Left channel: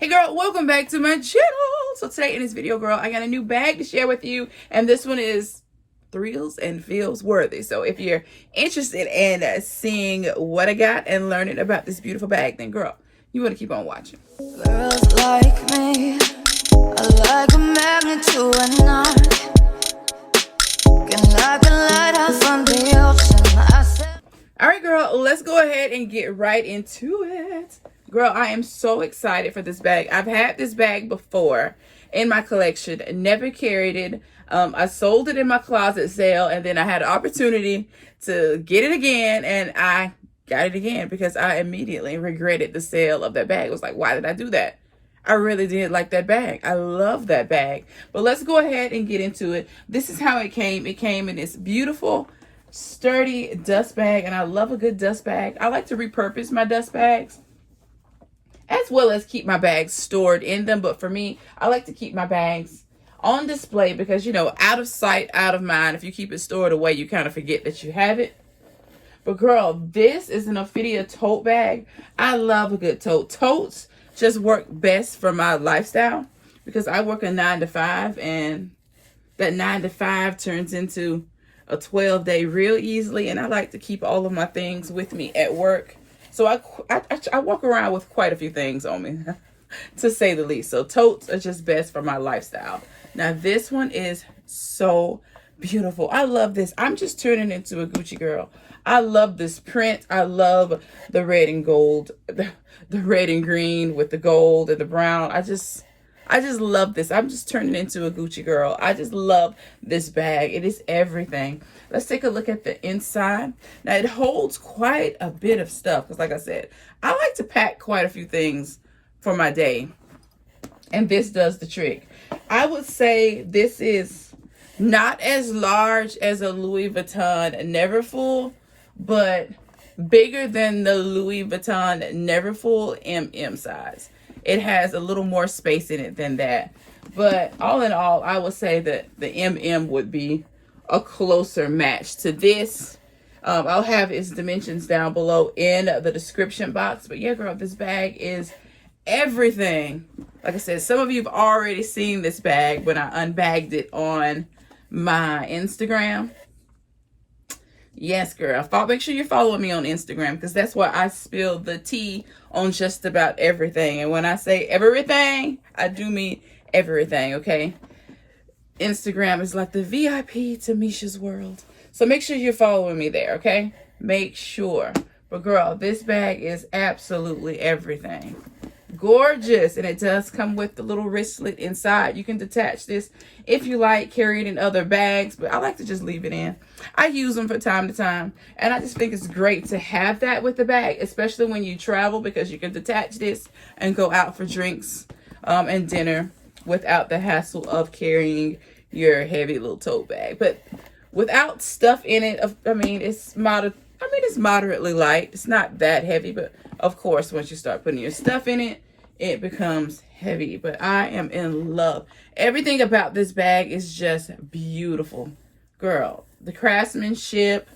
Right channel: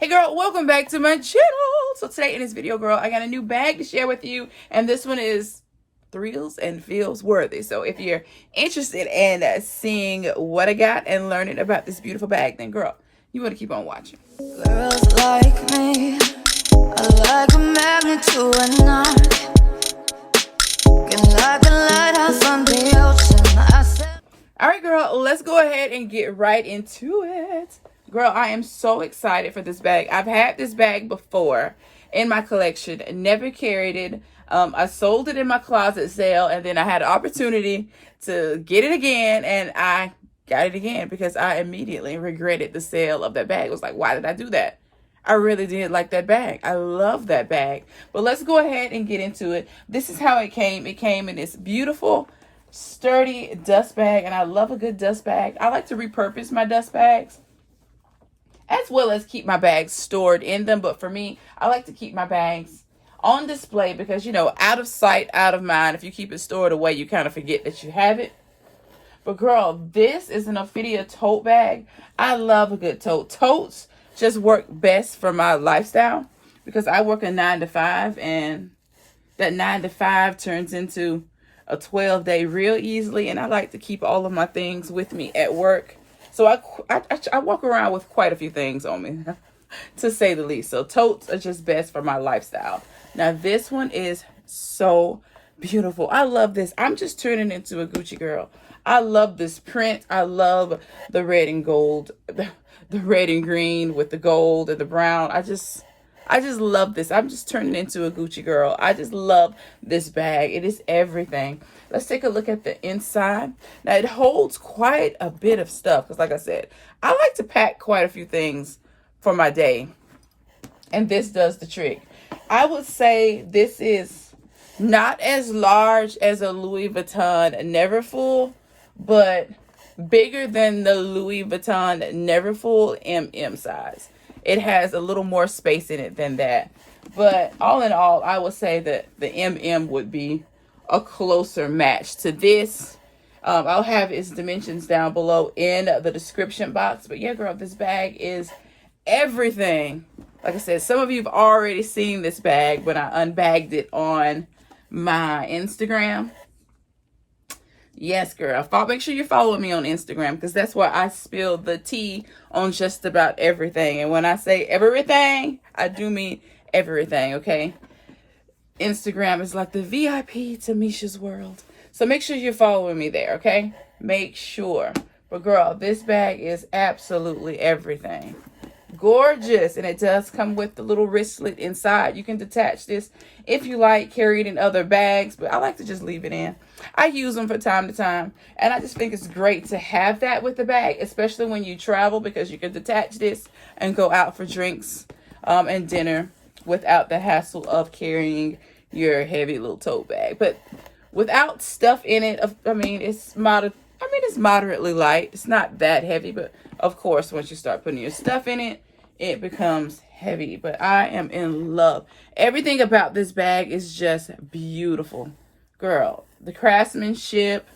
Hey girl, welcome back to my channel. So today in this video, girl, I got a new bag to share with you, and this one is thrills and feels worthy. So if you're interested in seeing what I got and learning about this beautiful bag, then girl, you want to keep on watching. Girls like me, I like a magnet to a knife. Can like a lighter from the ocean. All right, girl, let's go ahead and get right into it. Girl, I am so excited for this bag. I've had this bag before in my collection, never carried it. I sold it in my closet sale, and then I had an opportunity to get it again, and I got it again because I immediately regretted the sale of that bag. It was like, why did I do that? I really did like that bag. I love that bag. But let's go ahead and get into it. This is how it came. It came in this beautiful, sturdy dust bag, and I love a good dust bag. I like to repurpose my dust bags as well as keep my bags stored in them. But for me, I like to keep my bags on display because, you know, out of sight, out of mind. If you keep it stored away, you kind of forget that you have it. But girl, this is an Ophidia tote bag. I love a good tote. Totes just work best for my lifestyle because I work a 9 to 5, and that 9 to 5 turns into a 12-day real easily, and I like to keep all of my things with me at work. So I walk around with quite a few things on me, to say the least. So totes are just best for my lifestyle. Now this one is so beautiful. I love this. I'm just turning into a Gucci girl. I love this print. I love the red and gold, the red and green with the gold and the brown. I just love this. I'm just turning into a Gucci girl. I just love this bag. It is everything. Let's take a look at the inside. Now, it holds quite a bit of stuff because, like I said, I like to pack quite a few things for my day, and this does the trick. I would say this is not as large as a Louis Vuitton Neverfull, but bigger than the Louis Vuitton Neverfull MM size. It has a little more space in it than that. But all in all, I would say that the MM would be a closer match to this. I'll have its dimensions down below in the description box. But yeah, girl, this bag is everything. Like I said, some of you have already seen this bag when I unbagged it on my Instagram. Yes, girl. Make sure you're following me on Instagram because that's where I spill the tea on just about everything. And when I say everything, I do mean everything, okay? Instagram is like the VIP to Misha's world. So make sure you're following me there, okay? Make sure. But girl, this bag is absolutely everything. Gorgeous. And it does come with the little wristlet inside. You can detach this if you like, carry it in other bags, but I like to just leave it in. I use them from time to time, and I just think it's great to have that with the bag, especially when you travel, because you can detach this and go out for drinks and dinner without the hassle of carrying your heavy little tote bag. But without stuff in it, I mean, it's moderately light. It's not that heavy, but of course, once you start putting your stuff in it, it becomes heavy. But I am in love. Everything about this bag is just beautiful. Girl, the craftsmanship,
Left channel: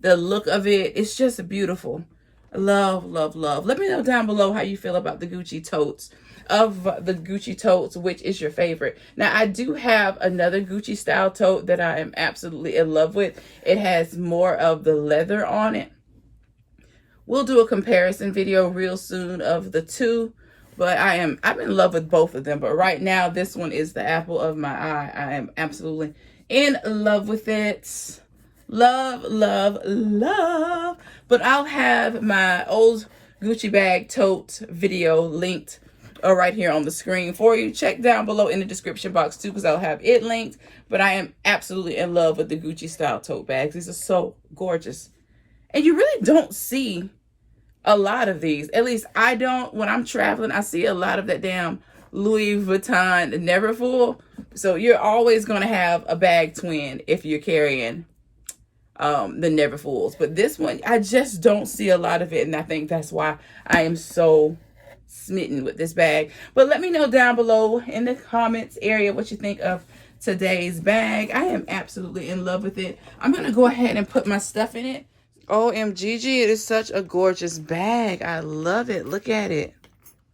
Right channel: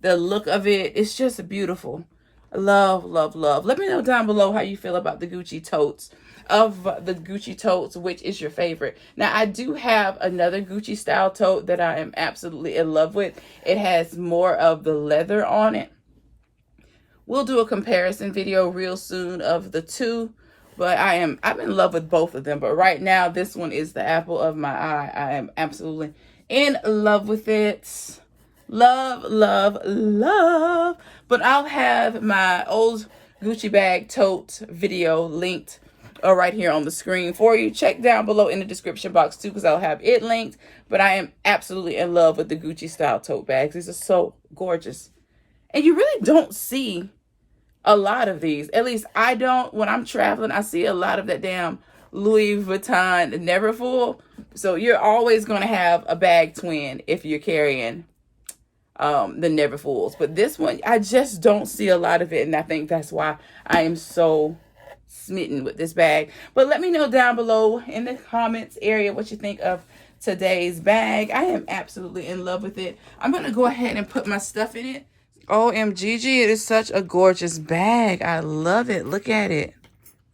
the look of it, it's just beautiful. Love, love, love. Let me know down below how you feel about the Gucci totes. Of the Gucci totes, which is your favorite? Now, I do have another Gucci style tote that I am absolutely in love with. It has more of the leather on it. We'll do a comparison video real soon of the two, but I'm in love with both of them. But right now, this one is the apple of my eye. I am absolutely in love with it. Love, love, love. But I'll have my old Gucci bag tote video linked right here on the screen for you. Check down below in the description box too, because I'll have it linked. But I am absolutely in love with the Gucci style tote bags. These are so gorgeous. And you really don't see a lot of these. At least I don't. When I'm traveling, I see a lot of that damn Louis Vuitton Neverfull. So you're always going to have a bag twin if you're carrying the Neverfulls. But this one, I just don't see a lot of it. And I think that's why I am so smitten with this bag. But let me know down below in the comments area what you think of today's bag. I am absolutely in love with it. I'm going to go ahead and put my stuff in it. OMGG, it is such a gorgeous bag. I love it. Look at it.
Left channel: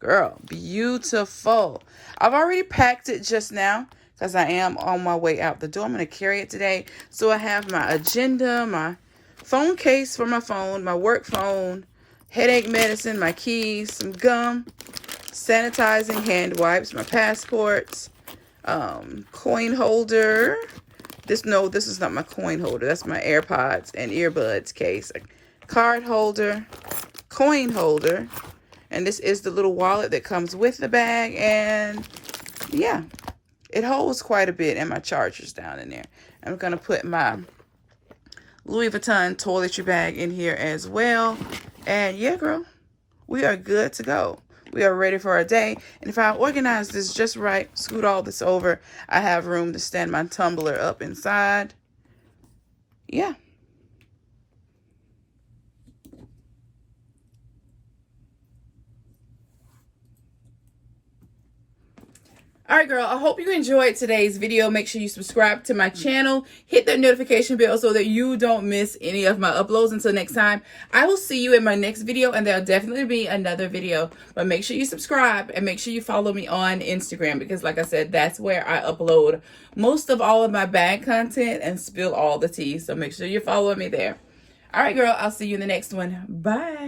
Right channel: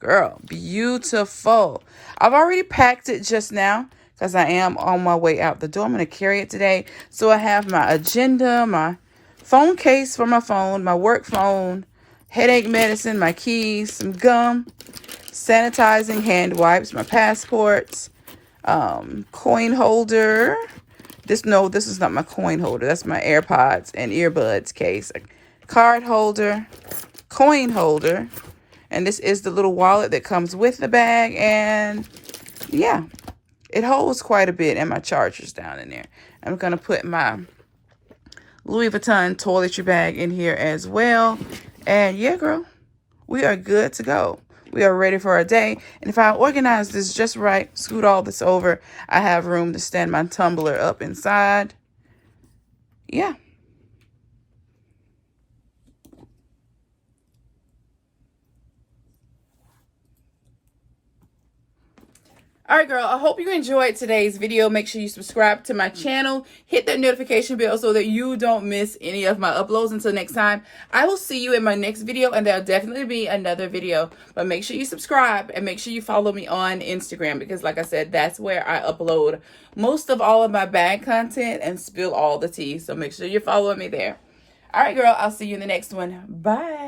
Girl, beautiful. I've already packed it just now because I am on my way out the door. I'm going to carry it today. So I have my agenda, my phone case for my phone, my work phone, headache medicine, my keys, some gum, sanitizing hand wipes, my passports, coin holder. This is not my coin holder. That's my AirPods and earbuds case. A card holder, coin holder, and this is the little wallet that comes with the bag. And yeah, it holds quite a bit, and my charger's down in there. I'm going to put my Louis Vuitton toiletry bag in here as well. And yeah, girl, we are good to go. We are ready for our day. And if I organize this just right, scoot all this over, I have room to stand my tumbler up inside. Yeah. All right, girl, I hope you enjoyed today's video. Make sure you subscribe to my channel. Hit that notification bell so that you don't miss any of my uploads. Until next time, I will see you in my next video, and there'll definitely be another video. But make sure you subscribe and make sure you follow me on Instagram because, like I said, that's where I upload most of all of my bag content and spill all the tea. So make sure you're following me there. All right, girl, I'll see you in the next one. Bye.